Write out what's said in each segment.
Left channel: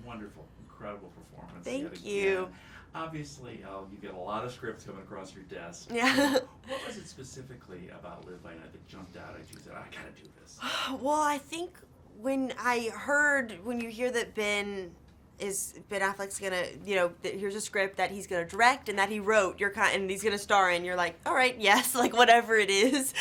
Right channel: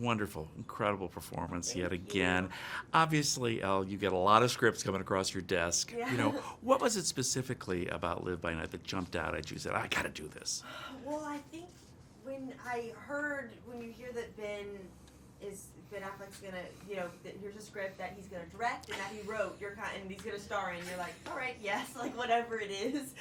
wonderful, incredible performance Thank yet again. you. Obviously, Elle, you get a lot of scripts coming across your desk. Yeah. What was it specifically about Live by Night that jumped out at you? Said, I got to do this. Well, I think when you hear that Ben Affleck's gonna, here's a script that he's gonna direct and that he wrote, and he's gonna star in, you're like, all right, yes, like whatever it is,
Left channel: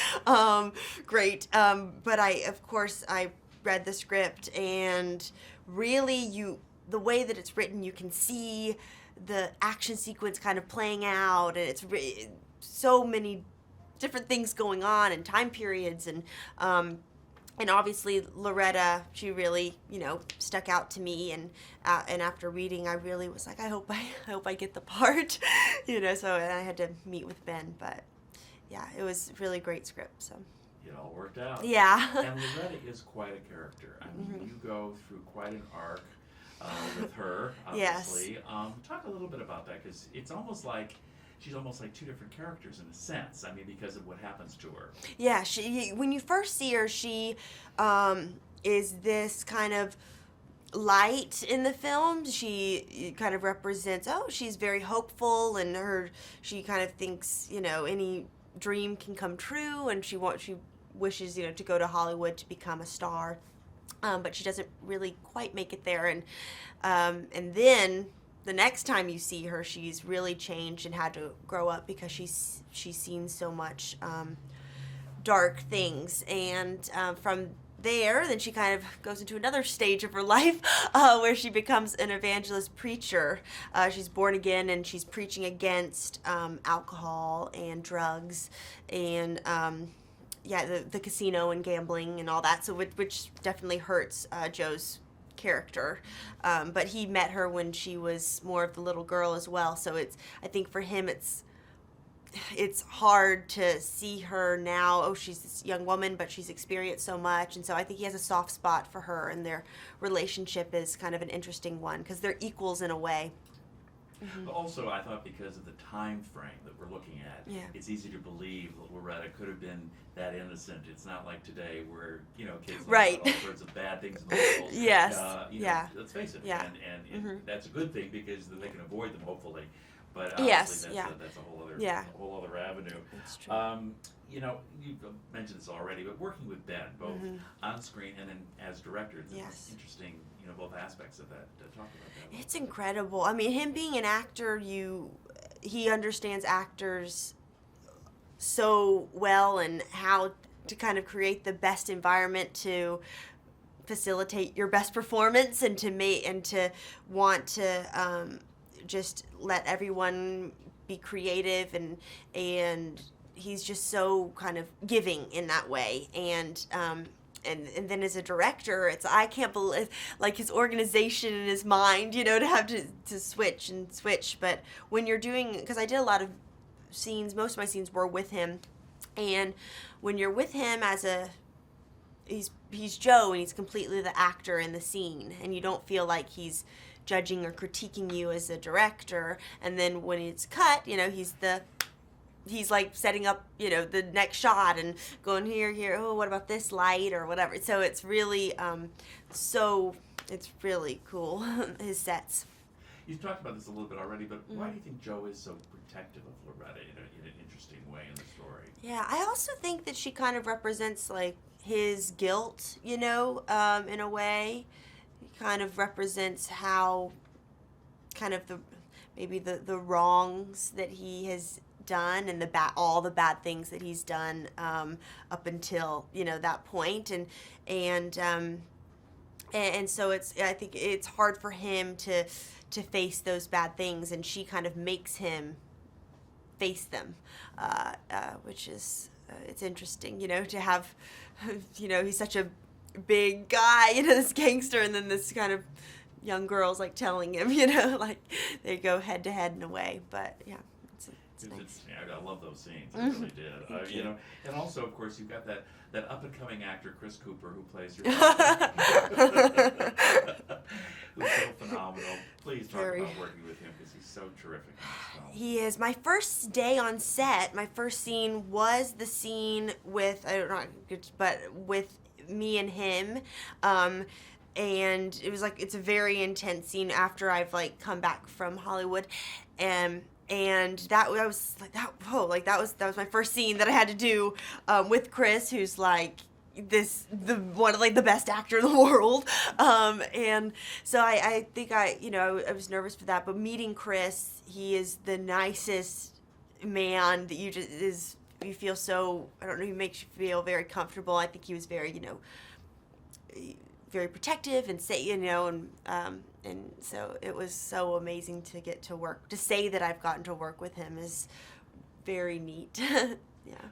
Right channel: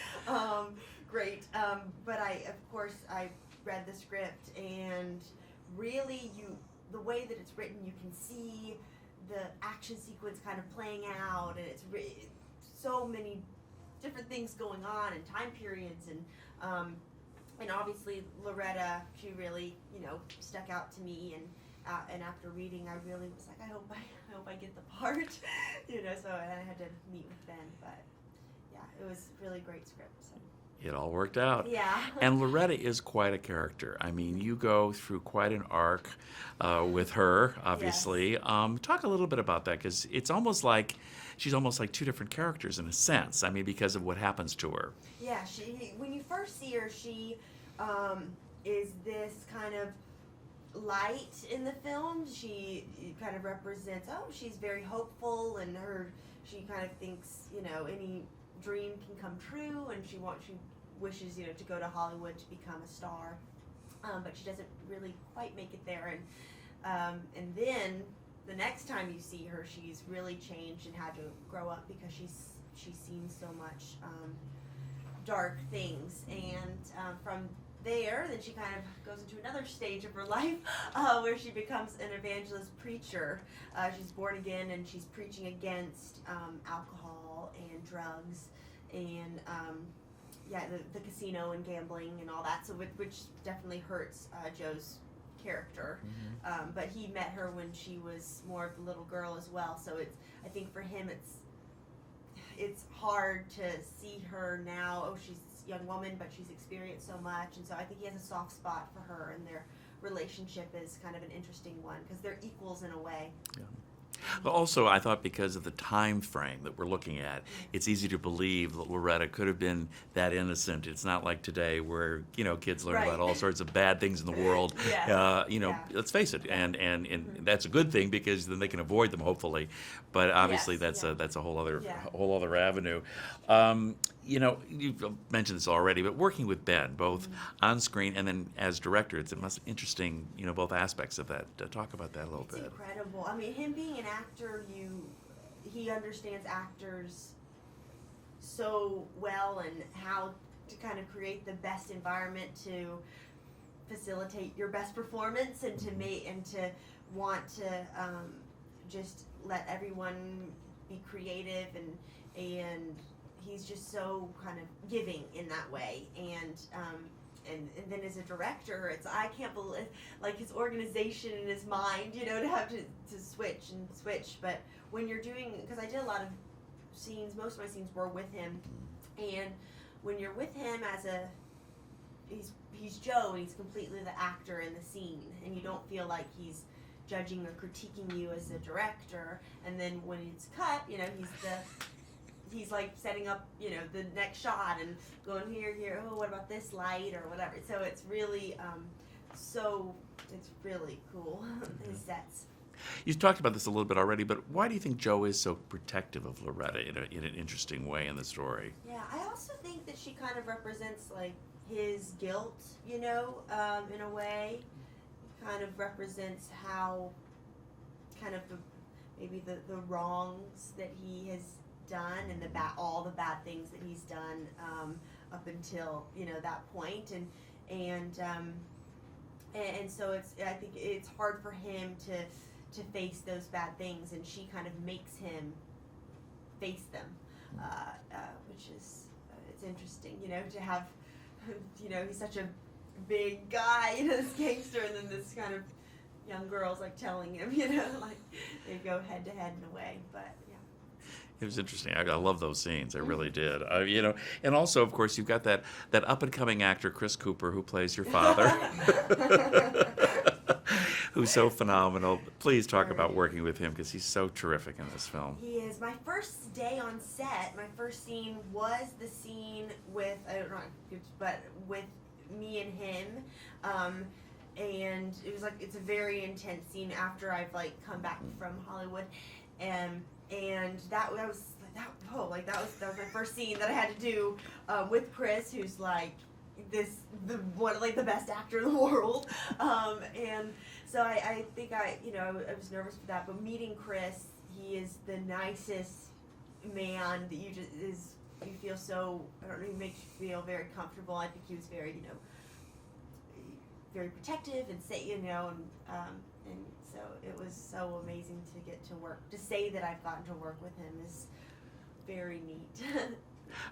great. But of course, I read the script, and really, the way that it's written, you can see the action sequence kind of playing out, and it's so many different things going on and time periods, and obviously Loretta, she really, stuck out to me, and after reading, I really was like, I hope I get the part, So I had to meet with Ben, but yeah, it was a really great script. So It all worked out. yeah, And Loretta is quite a character. I mean, you go through quite an arc with her, obviously. Yes. Talk a little bit about that, because it's almost like she's almost like two different characters in a sense. I mean, because of what happens to her. Yeah, when you first see her, she is this kind of light in the film. She kind of represents, she's very hopeful, and she kind of thinks, any dream can come true, and she wishes, to go to Hollywood to become a star. But she doesn't really quite make it there, and then the next time you see her, she's really changed and had to grow up because she's seen so much dark things, and from there, then she kind of goes into another stage of her life where she becomes an evangelist preacher. She's born again, and she's preaching against alcohol and drugs and the casino and gambling and all that. So which definitely hurts Joe's character. But he met her when she was more of the little girl as well. So I think for him it's hard to see her now. Oh, she's this young woman, but she's experienced so much. And so I think he has a soft spot for her, and their relationship is kind of an interesting one because they're equals in a way. Yeah. But also, I thought because of the time frame that we're looking at, it's easy to believe that Loretta could have been that innocent. It's not like today where, kids learn about all sorts of bad things in the world. Yes. Let's face it. Yeah. And that's a good thing because then they can avoid them, hopefully. But obviously that's a whole other avenue. You've mentioned this already, but working with Ben, both on screen and then as director, it must be interesting, both aspects of that. Talk about that a little bit. It's incredible. I mean, him being an actor, he understands actors so well, and how to kind of create the best environment to facilitate your best performance, and to want to just let everyone be creative, and he's just so kind of giving in that way, and then as a director, I can't believe, like, his organization in his mind, to have to switch, but when you're doing, because I did a lot of scenes, most of my scenes were with him, and when you're with him he's Joe, and he's completely the actor in the scene, and you don't feel like he's judging or critiquing you as a director, and then when it's cut, he's like setting up, the next shot and going here, oh, what about this light or whatever. So it's really, it's really cool, his sets. You've talked about this a little bit already, but why do you think Joe is so protective of Loretta in an interesting way in the story? Yeah, I also think that she kind of represents, like, his guilt, in a way. He kind of represents how kind of the wrongs that he has done, and all the bad things that he's done up until that point, and so I think it's hard for him to face those bad things, and she kind of makes him face them, which is it's interesting, to have, he's such a big guy, this gangster, and then this kind of young girl's like telling him, like they go head to head in a way, but yeah. It was interesting. I love those scenes. I really did. And also, of course, you've got that up-and-coming actor, Chris Cooper, who plays your father, who's so phenomenal. Please talk about working with him, because he's so terrific in this film. He is. My first day on set, my first scene was the scene with, I don't know, but with me and him. and it was like, it's a very intense scene after I've like come back from Hollywood, and that was like that. Whoa, like that was my first scene that I had to do with Chris, who's like one of like the best actor in the world, and so I think I was nervous for that, but meeting Chris, he is the nicest man that you feel so, I don't know, he makes you feel very comfortable. I think he was very very protective and say, and so it was so amazing to get to work. To say that I've gotten to work with him is very neat.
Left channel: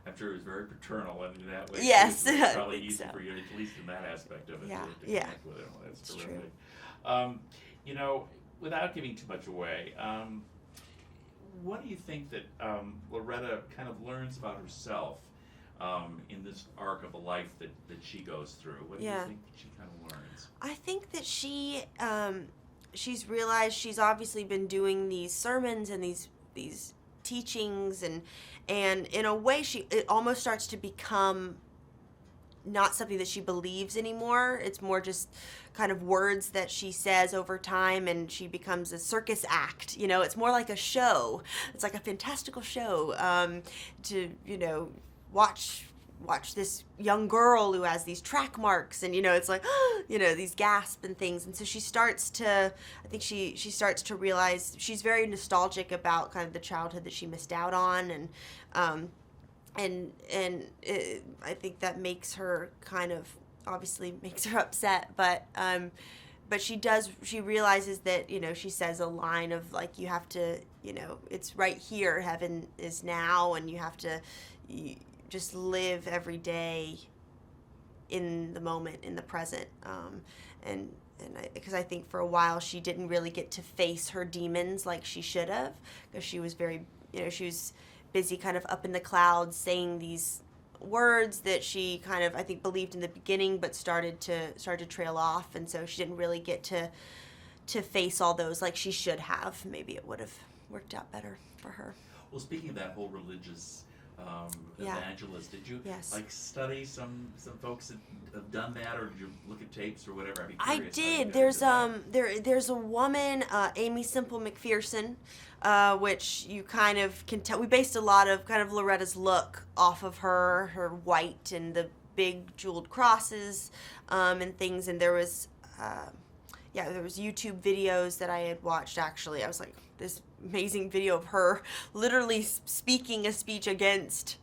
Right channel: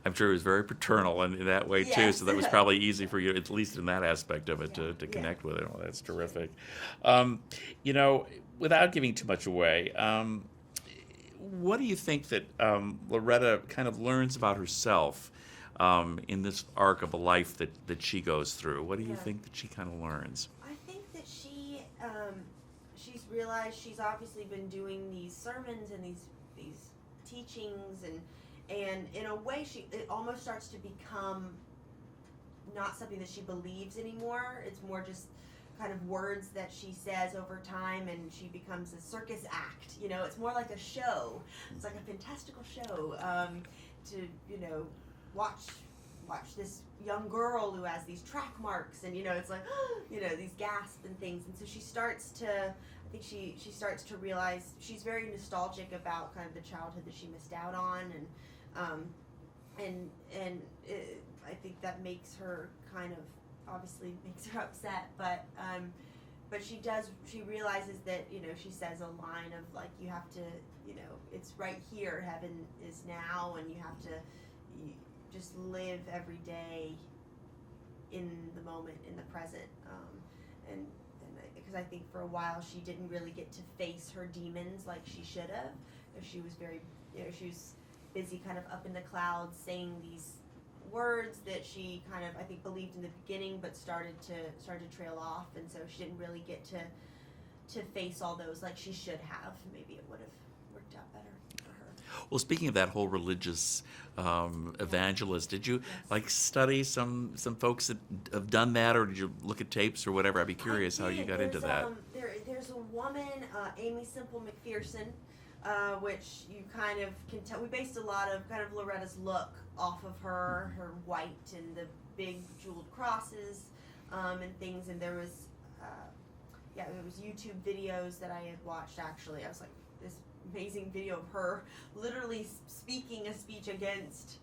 I'm sure he was very paternal in that way, yes, too, so that was probably easy for you, at least in that aspect of it, to connect with him. Well, that's terrific. Without giving too much away, what do you think that Loretta kind of learns about herself in this arc of a life that she goes through? What do you think that she kind of learns? I think that she's realized she's obviously been doing these sermons and these teachings, and in a way it almost starts to become not something that she believes anymore. It's more just kind of words that she says over time, and she becomes a circus act. It's more like a show. It's like a fantastical show to watch this young girl who has these track marks, and it's like these gasps and things. And so she starts to realize she's very nostalgic about kind of the childhood that she missed out on, and I think that makes her kind of, obviously makes her upset, but she realizes that she says a line of like, you have to, it's right here, heaven is now, and you have to just live every day in the moment, in the present, and because I think for a while she didn't really get to face her demons like she should have, because she was very, she was busy kind of up in the clouds saying these words that she kind of, I think, believed in the beginning, but started to trail off, and so she didn't really get to face all those like she should have. Maybe it would have worked out better for her. Well, speaking of that whole religious evangelist, did you study some folks that have done that, or did you look at tapes or whatever? I'd be curious how you got into that. There's a woman, Amy Semple McPherson, which you kind of can tell. We based a lot of kind of Loretta's look off of her white and the big jeweled crosses and things. And there was YouTube videos that I had watched, actually. I was like, this amazing video of her literally speaking a speech against,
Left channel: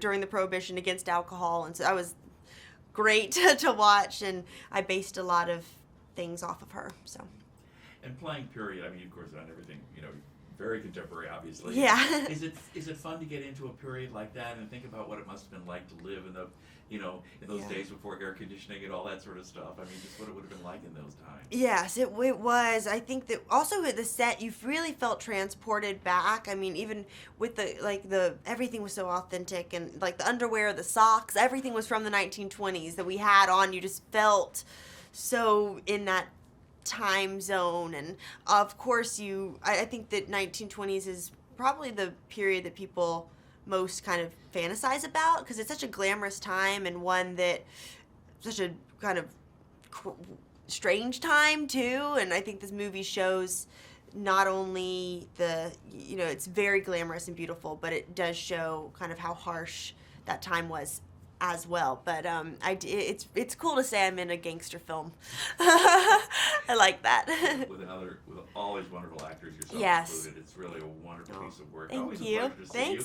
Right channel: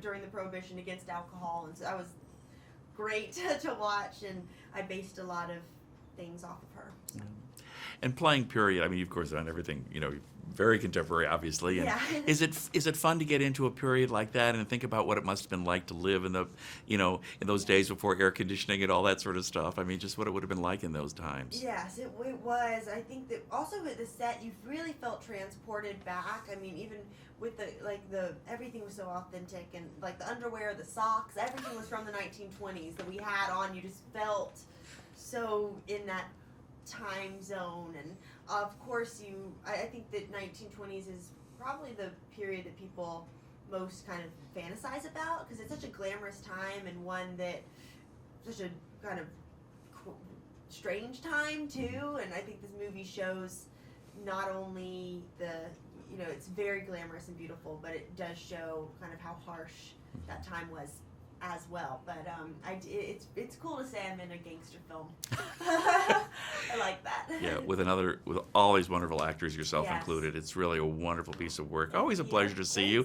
during the Prohibition, against alcohol. And so that was great to watch, and I based a lot of things off of her. So. And playing period, I mean, of course, on everything, very contemporary, obviously. Yeah. Is it fun to get into a period like that and think about what it must have been like to live in the, in those days before air conditioning and all that sort of stuff? I mean, just what it would have been like in those times. Yes, it was. I think that also with the set, you really felt transported back. I mean, even with the everything was so authentic, and like the underwear, the socks, everything was from the 1920s that we had on. You just felt so in that time zone, and of course I think that 1920s is probably the period that people most kind of fantasize about, because it's such a glamorous time, and one that such a kind of strange time too. And I think this movie shows not only it's very glamorous and beautiful, but it does show kind of how harsh that time was as well. But it's cool to say I'm in a gangster film. I like that. With all these wonderful actors, yourself included. It's really a wonderful piece of work. Always a pleasure to see you.